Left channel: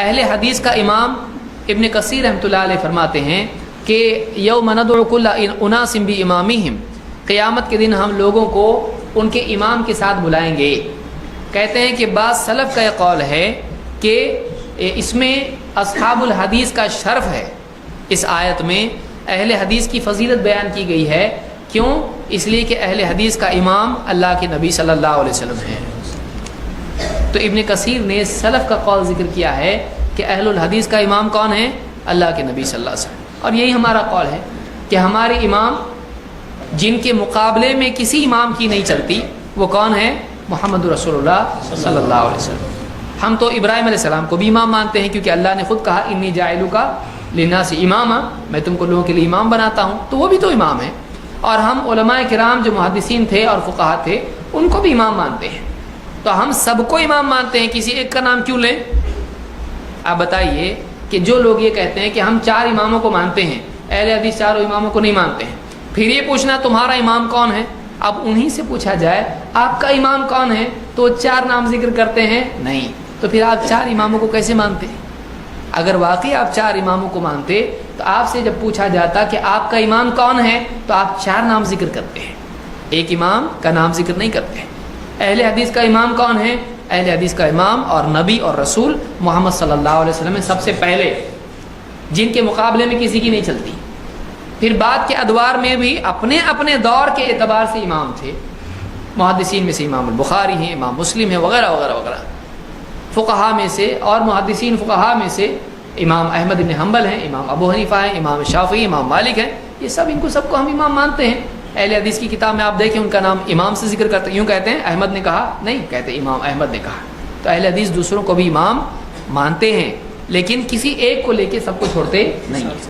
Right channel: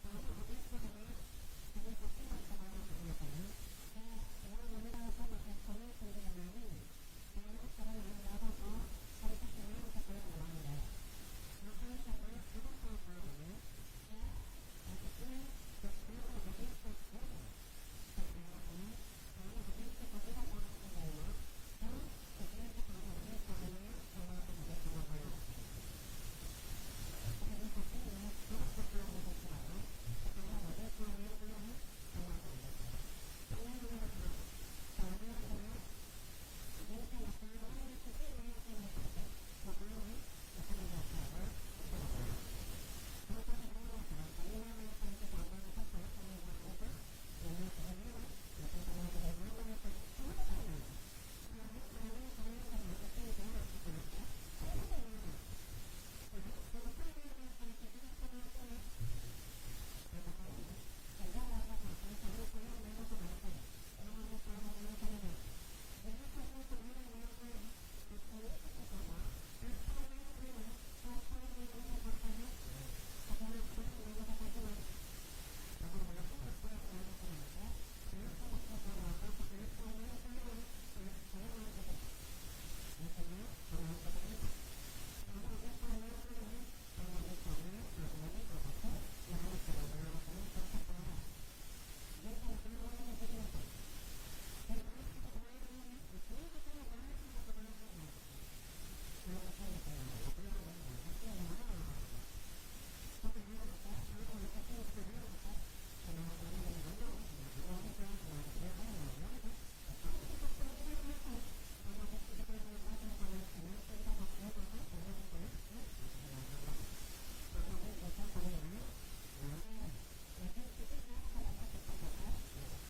اہل حدیث کا امام ابن کثیر رحمۃ اللہ علیہ فرماتے ہیں کہ یوم ندعو کل اناس بامامہم، قیامت کے دن ہم لوگوں کو ان کے امام کے ساتھ بلائیں گے۔ کہتے ہیں کہ بعض سلف کا یہ قول ہے کہ اس میں اصحاب الحدیث کا شرف ہے، اس آیت میں اہل حدیث کی فضیلت بیان کی گئی ہے۔ کیوں؟ اس لیے کہ اہل حدیث کا امام اللہ کے نبی صلی اللہ علیہ وسلم ہے۔ تو ابن کثیر نے سلف کا قول ذکر کیا ہے کہ اہل الحدیث کا امام کون ہے؟ اللہ کے نبی صلی اللہ علیہ وسلم۔ اور یہی ہمارا قول ہے کہ ہمارے امام جن کے مقابلے میں کسی امام کی نہیں چلتی وہ کون ہے؟ محمد رسول اللہ صلی اللہ علیہ وسلم۔ ہم تو ابراہیم علیہ السلام کو بھی امام مانتے ہیں، کیونکہ اللہ نے خود کہا انی جاعلک للناس اماما، میں تم کو لوگوں کے لیے امام بناتا ہوں، تو وہ بھی تو امام ہیں۔ اور ہم علماء کرام جو محدثین تھے اور فقہاء تھے ان کو بھی امام مانتے ہیں، تو ہم سب کو امام مانتے ہیں، کسی ایک کا نام کیوں لیں؟ آپ بتائیے کہ جو لوگ یہ کہتے ہیں کہ ہم 4 اماموں کو مانتے ہیں، اہل حدیث 4 اماموں کو نہیں مانتے ہیں، پھر یہ پوچھنا تمہارا امام کون ہے؟ اب انہی سے پوچھا جائے آپ کا امام کون ہے تو 4 نام ذکر کرتے ہیں نہیں، تو پھر آپ 4 اماموں کو کیسے مانتے ہیں؟ اگر واقعی آپ 4 اماموں کو مانتے تو آپ سے جب پوچھا جاتا کہ آپ کا امام کون ہے تو آپ 4 نام ذکر کرتے ہیں، ایک امام کا نام ذکر نہیں کرتے۔ اہل حدیث کا امام کون ہے؟ اہل حدیث کا امام اور نبی اور رسول محمد صلی اللہ علیہ وسلم میں سب سے پہلے، جن کے مقابلے میں کسی کی نہیں چلتی۔ پھر بعد کے ادوار میں بھی اپنے اپنے دور کے اعتبار سے امام تھے، محدثین میں سے امام البخاری ہیں، امام مسلم ہیں، وغیرہ وغیرہ وغیرہ۔ فقہاء میں سے اور محدثین فقہاء میں سے امام احمد بن حنبل ہیں، امام ابو حنیفہ ہیں، امام شافعی، امام مالک ہیں، یہ سب ان کو سب کو ہم امام مانتے ہیں۔ اہل حدیث کی کتاب میں آپ دیکھیں ان کا نام امام سے ذکر کرتے ہیں، یوں کہتے ہیں احمد نے کہا، نہیں کہتے امام احمد نے کہا۔ تو اہل حدیث دوسروں کو بھی امام مانتے ہیں، لیکن کسی ایک کو لے کے سب کو چھوڑتے نہیں۔